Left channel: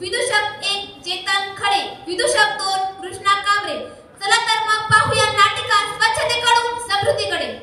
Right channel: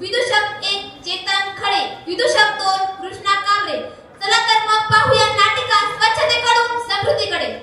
विदूषक 1 चेतन खडे, विदूषक 2 कृष्णा कांबरे. चला तर मग पाहूया नाटिका स्वच्छतेकडून समृद्धीकडे.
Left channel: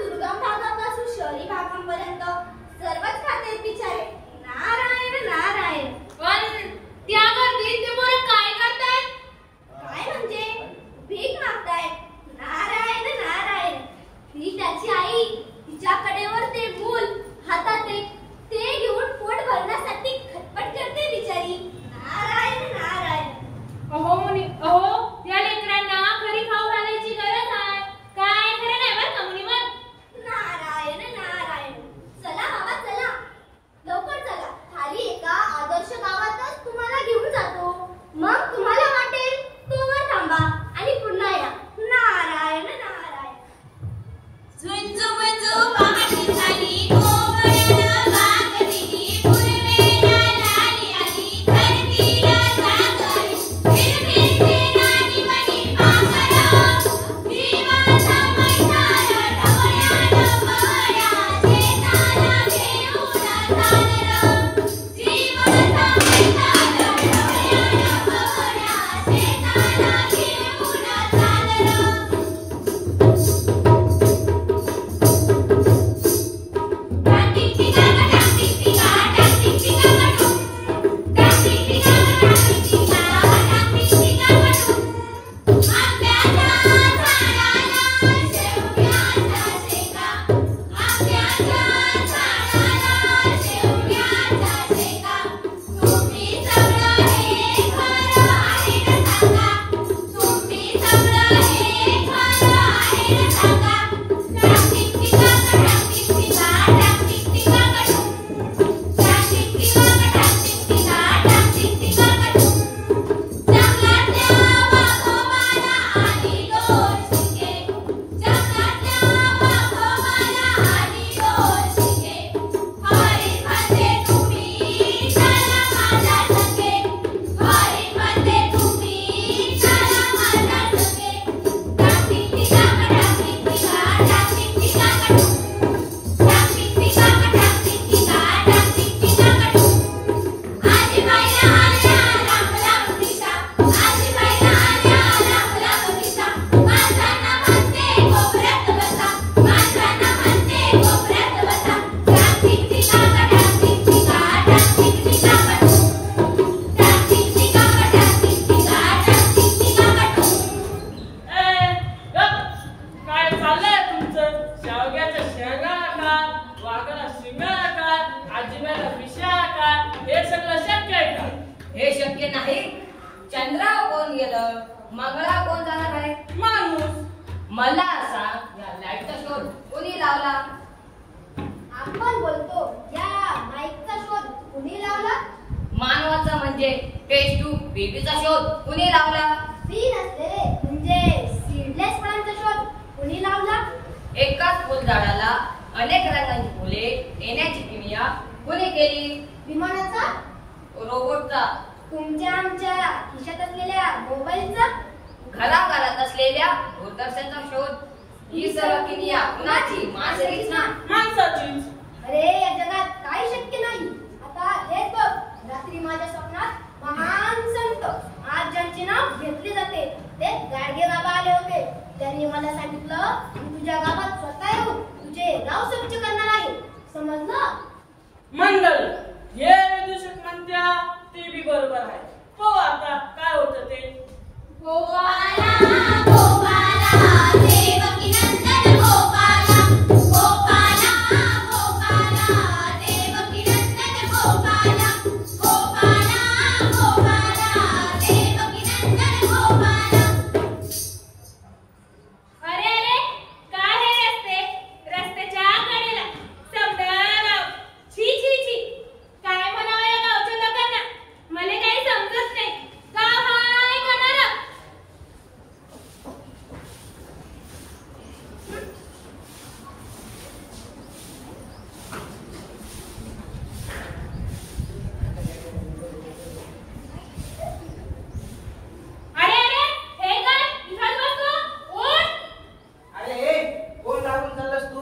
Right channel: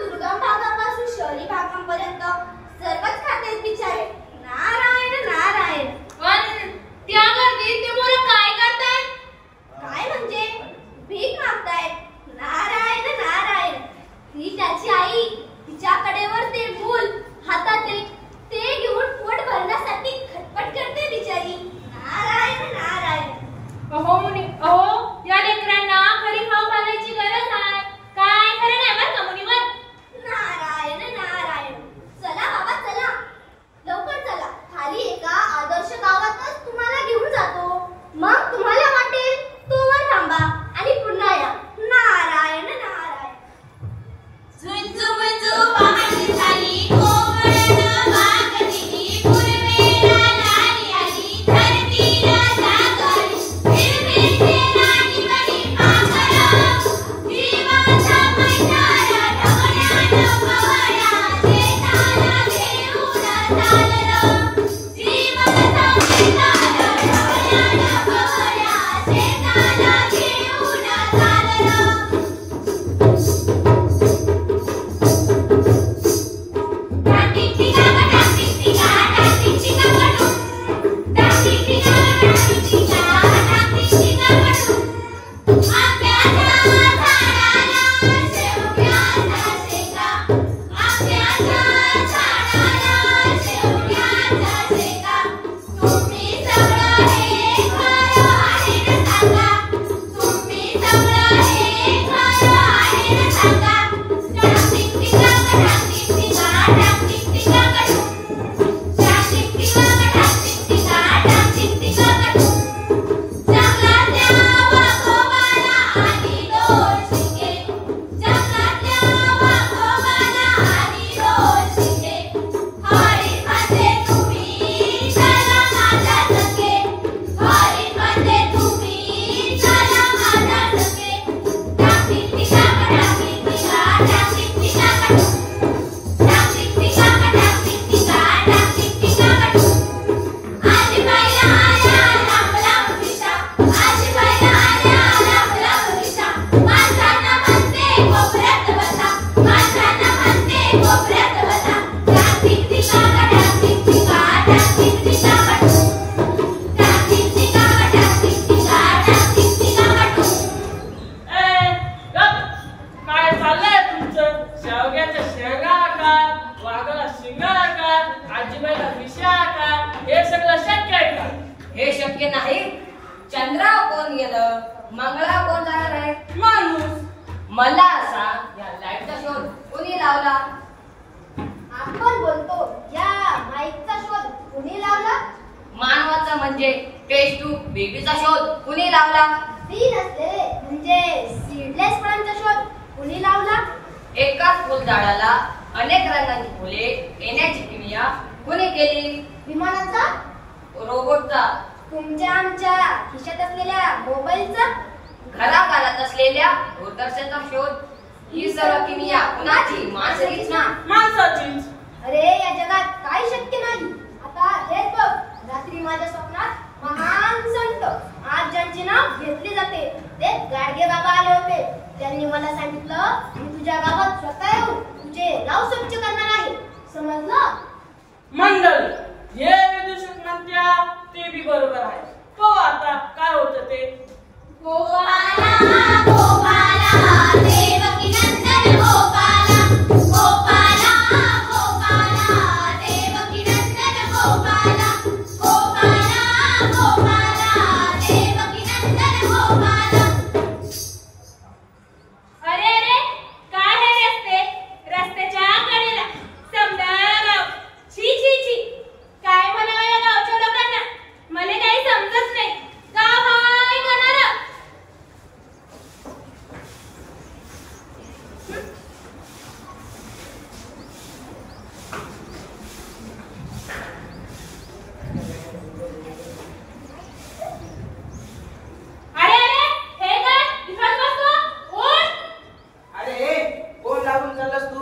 दुर्गम भागापासून शहरी भागांपर्यंत सर्वच खाते बिचारे. नारायण आजी बाईला आल्या राम राम विषा माणसांना म्हणते कोपऱ्यात बसा माणसांना म्हणते कोपऱ्यात बसा डाक टिक टिका डाक टिक टिका डाक टिक टिका डाक टिक टिका डाक टिक टिका डाक टिक टिका काय चाललंय तुमचं? शेवग्याच्या शेंगा काय, वाघाला शिंगा काय, आजीबाईला विषा काय, हे सगळं शक्य आहे का? हे शक्य नाही. चंद्रावर कोण गेलं, मंगळावर कोण जाणार आहे? माणूस. मला सांग, या लाईटचा शोध कोणी लावला? आपण बोलतो या माईकचा शोध कुणी लावला? मानवाचा म्हणजे टेस्ट टू बेबीचा शोध कुणी लावला? बी नसले म्हणजे सीडलेस फळांचा शोध कुणी लावला? एकाच फुलझाडाला अनेक रंगांची फुले येण्याची किमया कुणी केली? विमानाचा? रोबोटचा? तुमच्या आमच्या खिशात असलेल्या मोबाईलचा? घराघरात असलेल्या दूरदर्शनचा शोध? ही सर्व किमया कुणाची? माणसाचीच ना? माणसाचीच. अरे या जगात काय शक्य नाही. आता हेच बघ, रात्री माझ्या स्वप्नात महान संत आज ज्यांचे नाव घेतले जाते ते गाडगे बाबा आले होते. त्यांनी मला सांगितलं मी तुझ्या गावात स्वतः येऊन तुझे गाव स्वच्छ करणार आहे. समजलं? मंडळ हे विदूषक म्हणत्या ते बी बरोबर आहे. हो आता काय होतं ते? गोपाला गोपाला देवकी नंदन गोपाला गोपाला गोपाला देवकी नंदन गोपाला गोपाला गोपाला देवकी नंदन गोपाला. अरे अरे काय हे रस्ते, रस्त्याच्या कडेला समदार गाव. छी छी छी, काय म्हणावं या गावच्या लोकांना? मला काही समजत नाही. गाव हाय करणार. अरे अरे हे काय इथंच बसतो? उठ. अरे कोण लागून चाललास तू?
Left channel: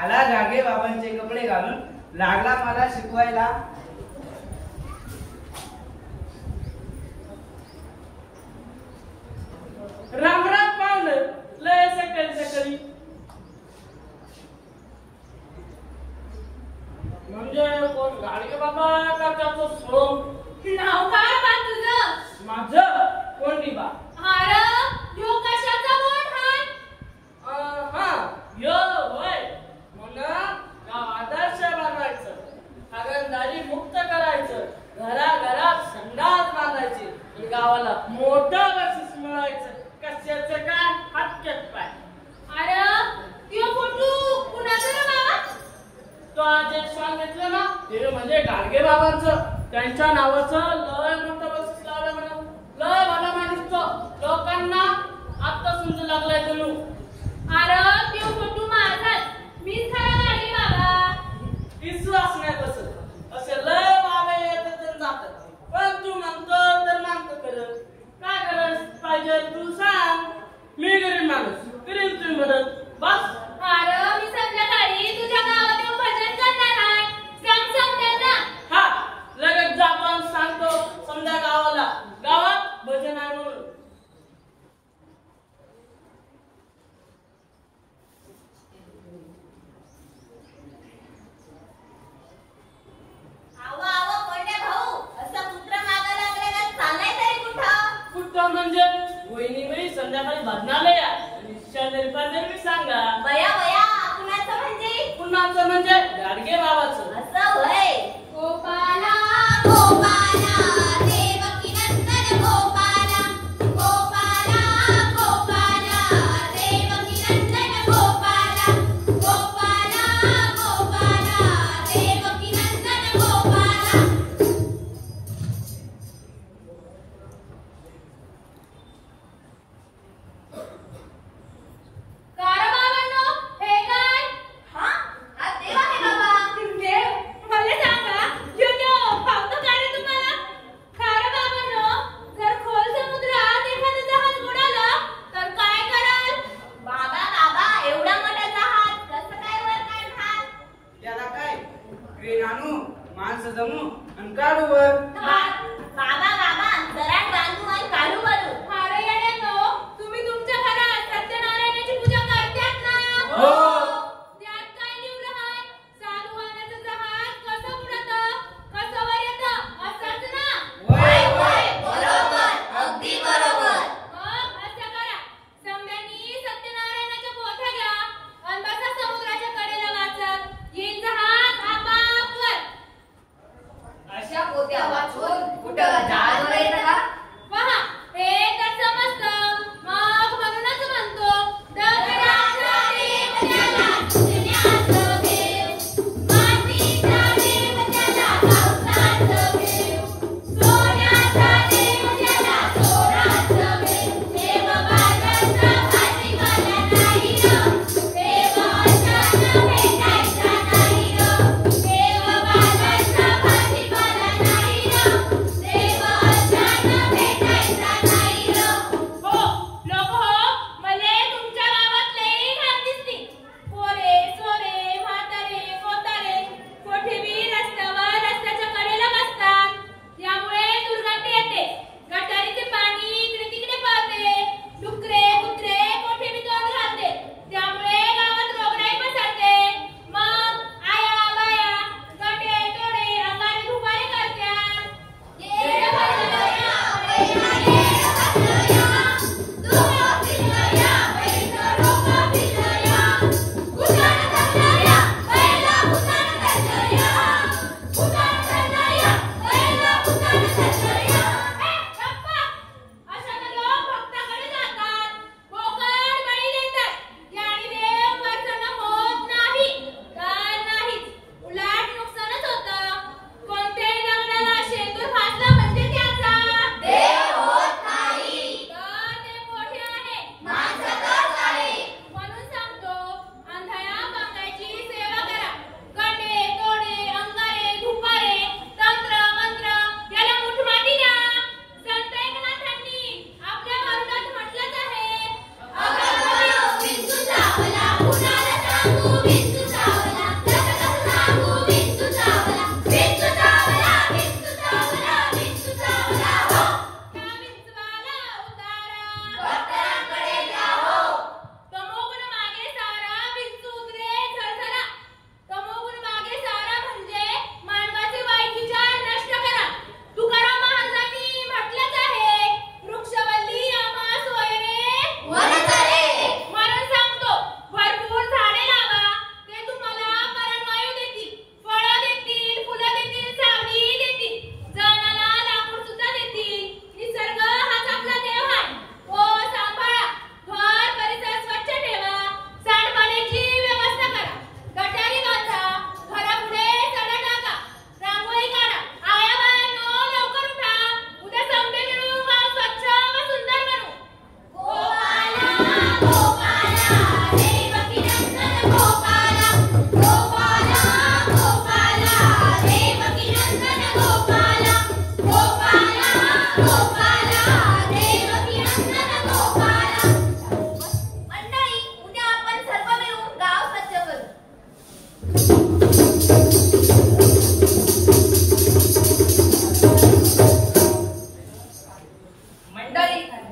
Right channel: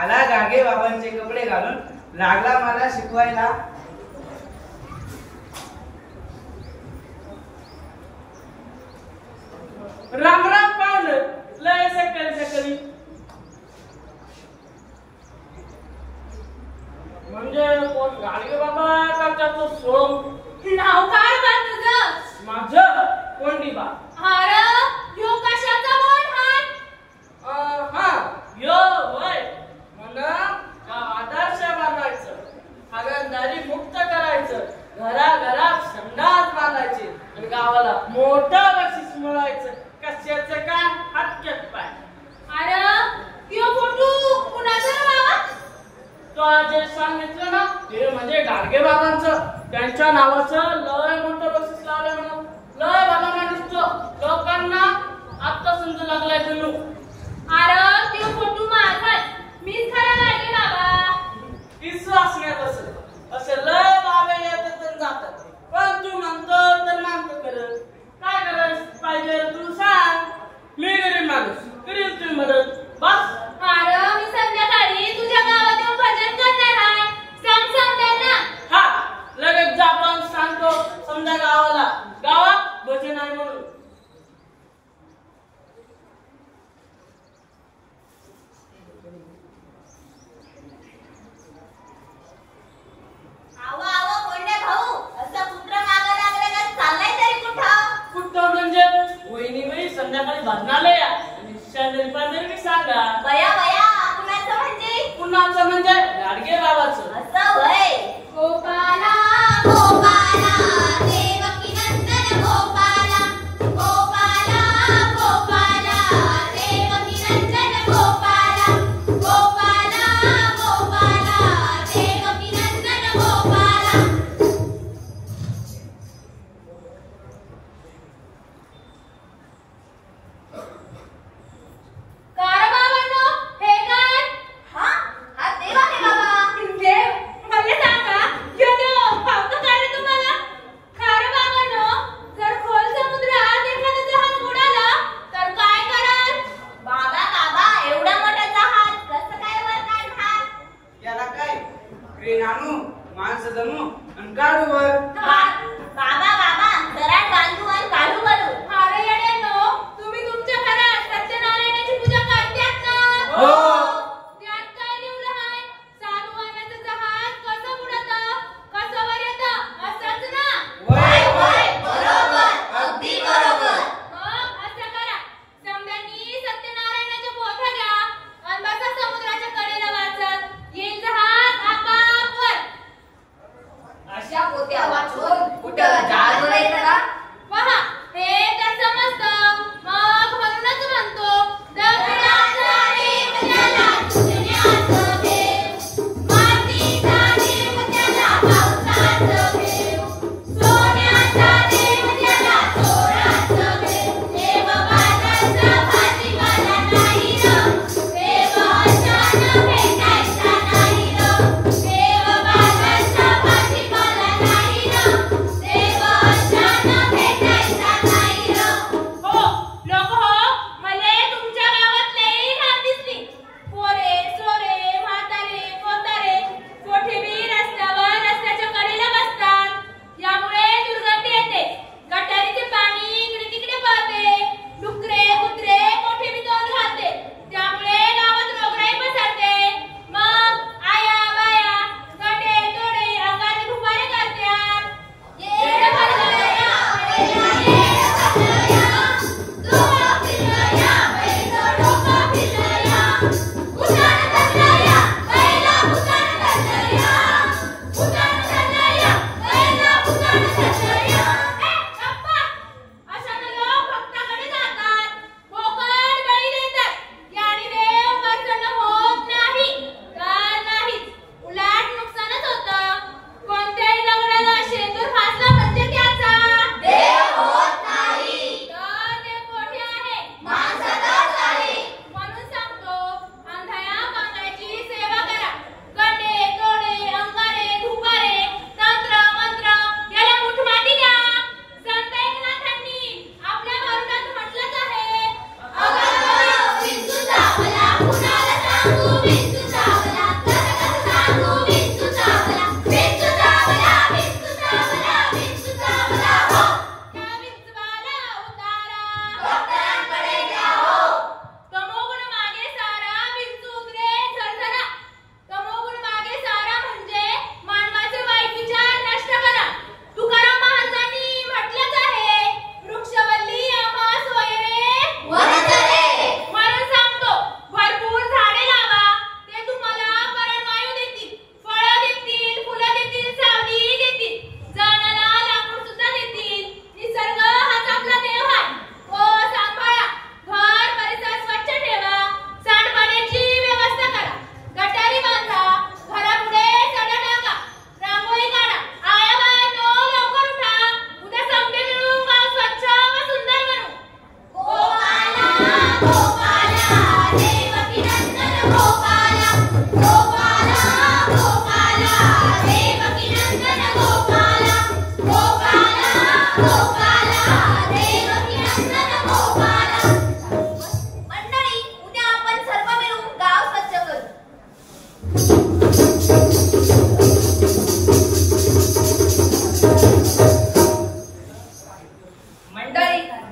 आला गागे बाबांचे कपडे घालून, लागला मला शिकवायला. रामराम पाहुणं लय सकरी म्हणजे कोण गाडगे बाबा का त्याचं सोड? नाव काय बा तुझं? माझं कोंडीबा. अरे ह्यो कशाचा बोट हाय? हा यो होय म्हणा गाव आदर्श बनवायचं, हागणदारी मुक्त करायचं, घराघरात संडास बांधायचे आणि गावाला मोठा बक्षीस मिळायचं. कशाचं काय हटक्यात पाय. अरे त्यो फोटो कुणाचा रे बाबा? तो जे सांगितलं ना ते म्हणजे गाडगे बाबांचं. त्यांच्या नावाचं लय मोठं बक्षीस लावलं म्हणा. लय भला माणूस तो. लोकांना आता समजू लागलाय जणू. अरे त्यो फोटो माझाच. मीच खरा गाडगे बाबा. विश्वास नाही बसत. असे लय बाबे येतात आणि जातात. पण तू म्हणतो तर मानतो करत. काय गरज पाहिजे तू सांग. मी गरीब माणूस करील तुम्ही मदत बस. अरे मी संध्याकाळी तुझ्या गावात येऊन भजन करणार आहे. सांग त्यांना. हा लगेच जा पण सांगतो समजा गावाला. गावात भजन आहे म्हणून. आवा आवा कोंड्या भाऊ, असं पुत्र मागं लागलं का चाललाय तरी कुठं? कुठं म्हणजे वहिनी बाई संध्याकाळी भजनालय आणि शेजारी पाजारी सांगा. बया बया कुणाचं म्हणजे? कुणाचं म्हणजे गाडगे बाबाचं. असं होय. गोपाला गोपाला देवकी नंदन गोपाला गोपाला गोपाला देवकी नंदन गोपाला गोपाला गोपाला देवकी नंदन गोपाला. कार बाबांनो हे काय? हा हा देव आहे बाबा. देव? मला सांगा, ह्यो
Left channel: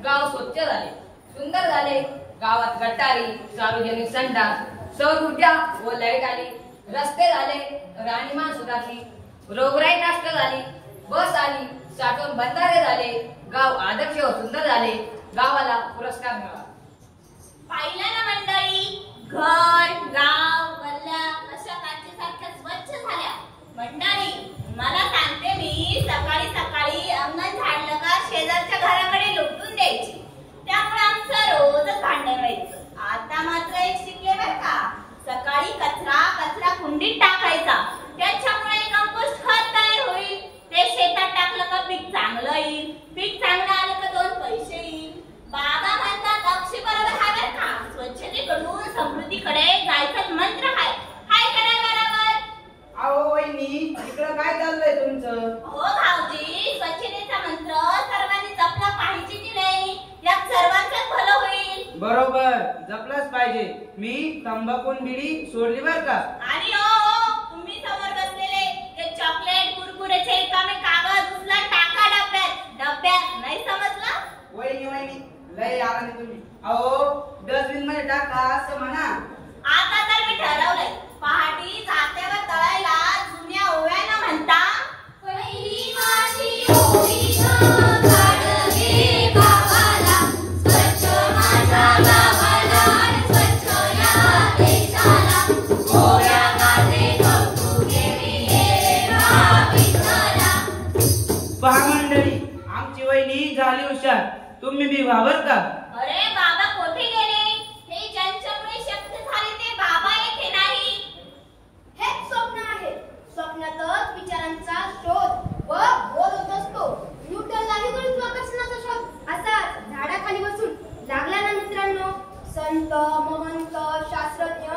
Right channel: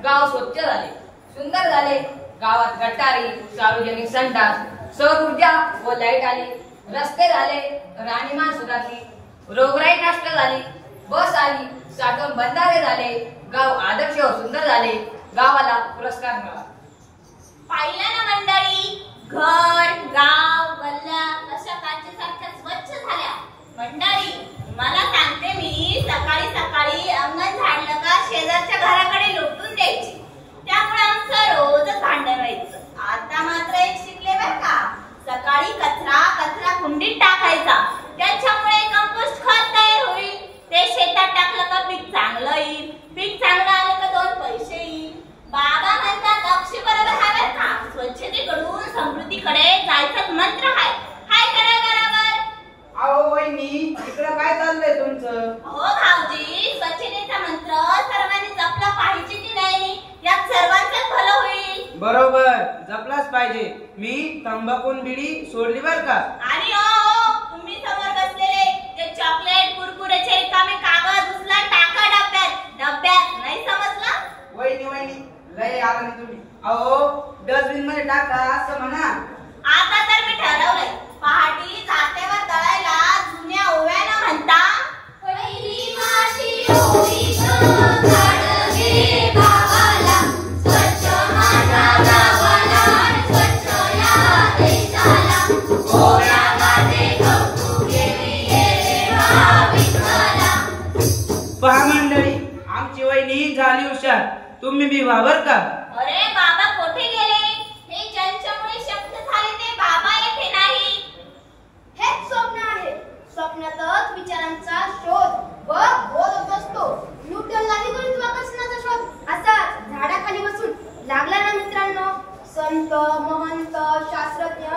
गाव स्वच्छ झाले, सुंदर झाले. गावात गटारी, सार्वजनिक संडास, सौर ऊर्जा व लाईट आली. रस्ते झाले, राहणीमान सुधारली, रोगराई नष्ट झाली, बस आली, साठवण बंधारे झाले. गाव आदर्श व सुंदर झाले. गावाला पुरस्कार मिळाला. पाहिलं ना मंडळी, घर, गाव, गल्ल्या अशा काचेसारख्या स्वच्छ झाल्या. मंडळी, मला सांगते मी, सकाळी सकाळी अंगण झाडलं का शेजारच्या घराकडे लोटून द्यायची. त्यामुळे आमचं रोजच भांडण व्हायचं. आता मात्र एक शिकले बरं का, सकाळी कचरा कुंडीत टाकायचा. त्याच्यामुळे कंपोस्ट खत तयार होईल. ते शेतात टाकलं का पीक चांगलं येईल. पीक चांगलं आलं का 2 पैसे येईल. बाबा म्हणतात अक्षय बरोबर आहे बरं का, स्वच्छतेकडून समृद्धीकडे जायचं मंत्र आहे. काय करा बरोबर? अहो वहिनी, इकडं काय चाललंय तुमचं? हो भाऊजी, स्वच्छतेचा मंत्र सर्वांनी जपला पाहिजे की नाही, यात सर्वांचंच भलं होईल. बरोबर, जपलाच पाहिजे. मी तंबाखू बिडी सोडली बर का. आणि हो, तुम्ही समोर बसलेले ते चॉकलेट कुरकुरेचे रिकामे कागद उचला, टाका डब्यात नाही समजलं? वहिनी लय आला नाही तुम्ही. अहो डस्टबिन मध्ये टाका असं म्हणा. आता तर मी ठरवलंय, पहाटी जात्यावर तळायला जुन्या ओव्यानं म्हणता, पहिली माती ओवी गं, झाड घे गावाला, स्वच्छ माझ्या गावाला, स्वच्छ या देशाला, ओव्या गाते कौतुक देवी हे रे विठ्ठला. पहा मंडळी, आमची वहिनी झाली हुशार. तुम्ही बी व्हा बर का. अरे बाबा कोठे गेले? हे ज्यांच्यामुळे शक्य झाले ते बाबा येथे नाही. हेच स्वप्न आहे. स्वप्नातच विचारांचा शोध व बोध होत असतो. न्यूटनलाही गुरुत्वाकर्षणाचा शोध असाच झाडाखाली बसून लागला ना मित्रांनो. संत, महंत, शास्त्रज्ञ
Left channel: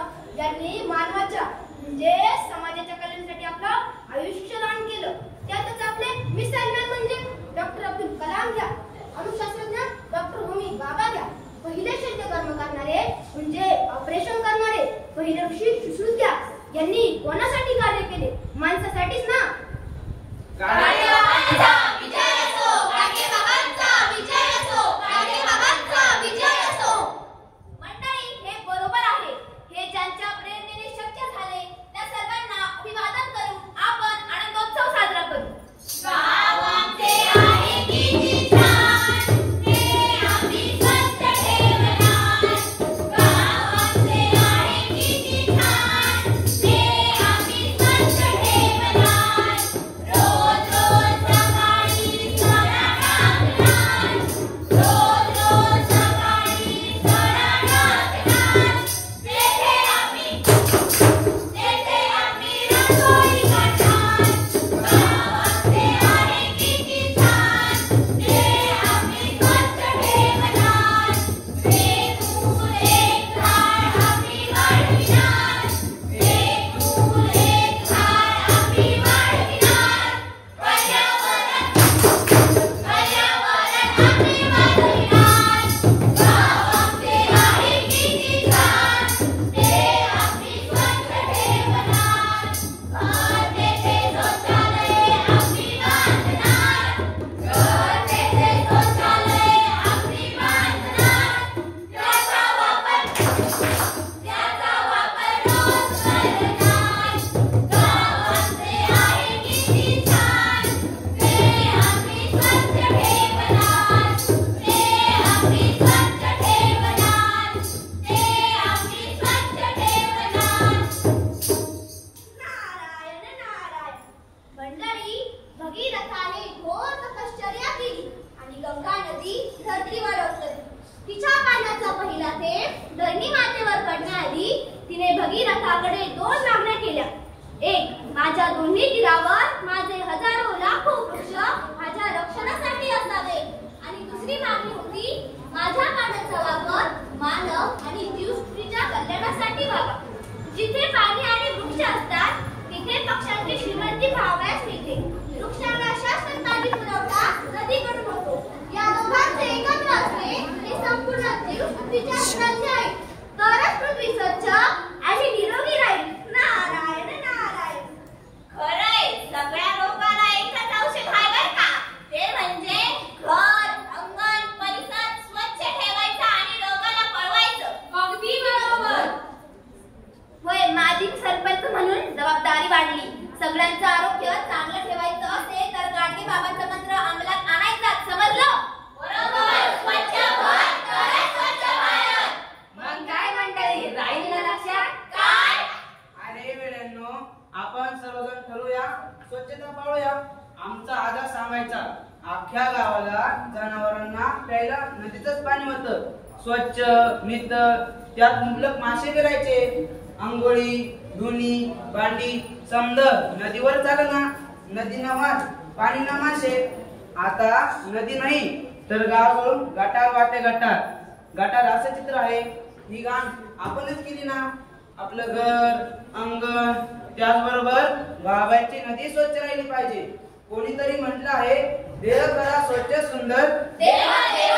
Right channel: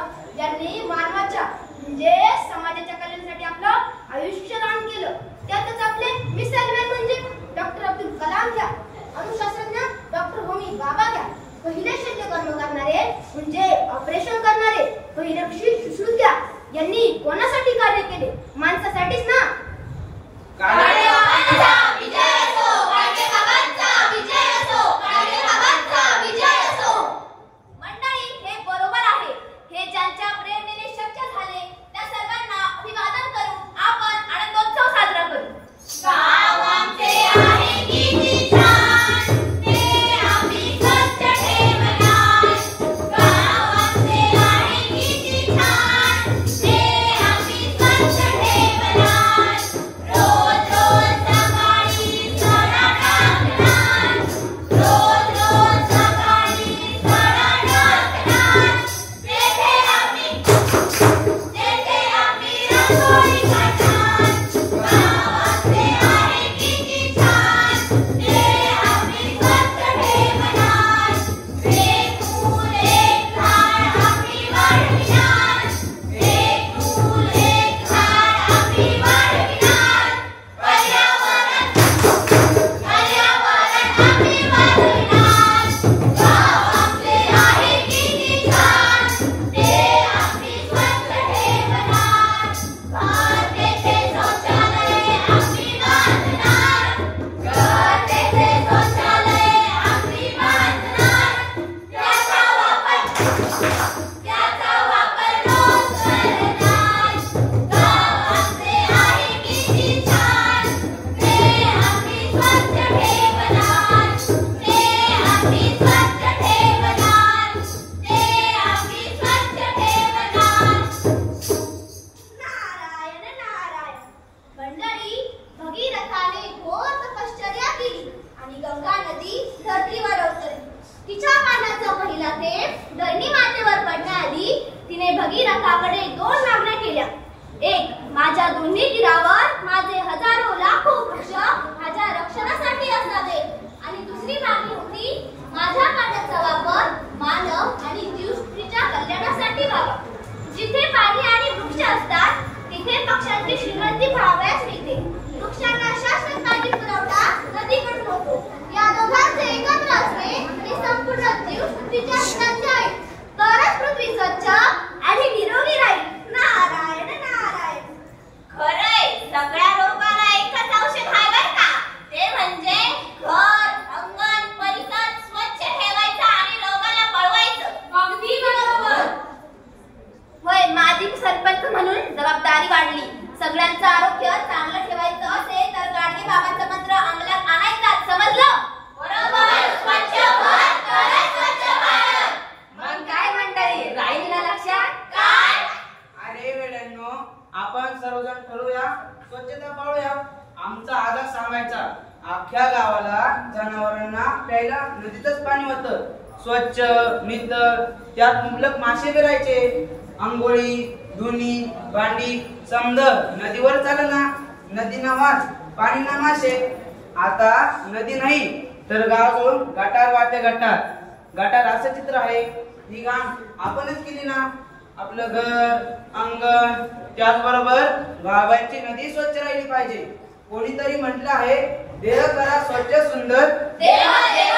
यांनी मानवाच्या म्हणजे समाजाच्या कल्याणासाठी आपलं आयुष्य दान केलं. त्यातच आपले मिसालमेन म्हणजे डॉक्टर अब्दुल कलाम घ्या, अणुशास्त्रज्ञ डॉक्टर होमी बाबा घ्या, पहिले शल्यकर्म करणारे म्हणजे ऑपरेशन करणारे पहिले सुश्रुत घ्या. यांनी कोणासाठी कार्य केले? माणसासाठीच ना. काळे बाबांचा विजय असो, काळे बाबांचा विजय असो, काळे बाबांचा विजय असो. मंडळी, हे बरोबर आहे. हे ज्यांच्या प्रेरणेने शक्य झाले त्या सर्वांना अभिवादन करून आपण आनंदोत्सव साजरा करू. गाव आमचे आहे किती छान, ते आम्ही स्वच्छ ठेवणार. गाव आमचे आहे किती छान, ते आम्ही स्वच्छ ठेवणार. रोज रोज सकाळी सडा टाकणार, रोज रोज सकाळी सडा टाकणार. तेथे आम्ही रांगोळी काढणार. गाव आमचे आहे किती छान, ते आम्ही स्वच्छ ठेवणार. एक फूल एक झाड आम्ही वाढविणार, एक फूल एक झाड आम्ही वाढविणार. पर्यावरण आम्ही वाचविणार. गाव आमचे आहे किती छान, ते आम्ही स्वच्छ ठेवणार. घर तेथे शौचालय आम्ही बांधणार, घर तेथे शौचालय आम्ही बांधणार. त्याचा वापर रोज करणार. गाव आमचे आहे किती छान, ते आम्ही स्वच्छ ठेवणार, ते आम्ही स्वच्छ ठेवणार, ते आम्ही स्वच्छ ठेवणार. नारायण नारायण. मंडळी, भगीरथाने घोर तपश्चर्या केली आणि गंगा नदी धरतीवर अवतरली. तिच्या पाण्याचा पहिला थेंब धरणी मातेवर पडण्याआधी तिने भगीरथाकडे 2 मागण्या केल्या. एक, माझ्या दोन्ही तीरावर माझे हजारो लाखो वृक्ष माझ्या रक्षणासाठी असावे. आणि दुसरी मागणी होती, माझ्या पाण्याचा वापर मानव आणि जीवसृष्टीच्या कल्याणासाठी व्हावा. जिथे पाणी आणि वृक्ष असतात तिथे पक्ष्यांची श्रीमंती पाहावयास मिळते. वृक्षांना शाश्वत पाणी पुरवठा नदीकडून होतो. या दोघांचे एकत्र असणे हे संपूर्ण जीवसृष्टीच्या हिताचे आहे. तरच पृथ्वी स्वच्छ आणि निरोगी राहील. नारायण नारायण. खरंय, सगळ्या रोगाला एकच औषध आहे बरं का, ते म्हणजे घर, अंगण, परिसर जनावरांना प्यायला नदीचंच पाणी होतं. स्वच्छ नितळ, त्यात मुबलक मासे फिरायचे. अंघोळी, धुणी, भांडी समजा नदीवर चाललं ना. नदी ना वाच, पाणी ना मासे. आता नदी नाही तर गाव सोडून गटार वाटे गटार. गटार असं चित्र आहे. ही घाण आपणच केली ना. आपलं घर, अंगण, त्याचबरोबर गावाची नदी स्वच्छ राहिली पाहिजे. कोणीतरी म्हटलं आहे, देह करा स्वच्छ सुंदर, देह